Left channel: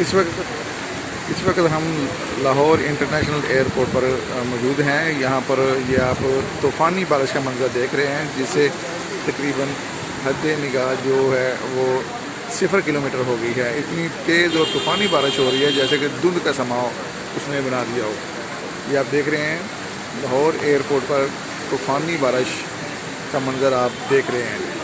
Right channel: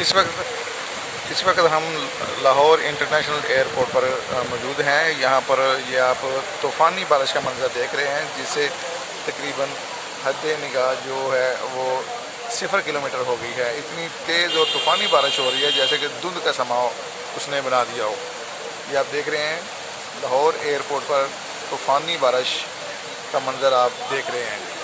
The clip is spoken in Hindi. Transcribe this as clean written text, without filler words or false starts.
इस वक्त हम लाहौर इंटरनेशनल एयरपोर्ट पर मौजूद हैं। यहाँ पर ये आप तूफ़ानी बारिश का मंजर देख रहे हैं, जिससे तकरीबन हद निगाह जो है वो 0 किलोमीटर हो गई है। इतनी तेज़ और तूफ़ानी बारिश हो रही है जैसे कि धुंध का समा उसने बना दिया हो। ये आप देख रहे हैं लाहौर एयरपोर्ट पर तूफ़ानी बारिश का मंजर आप देख रहे हैं।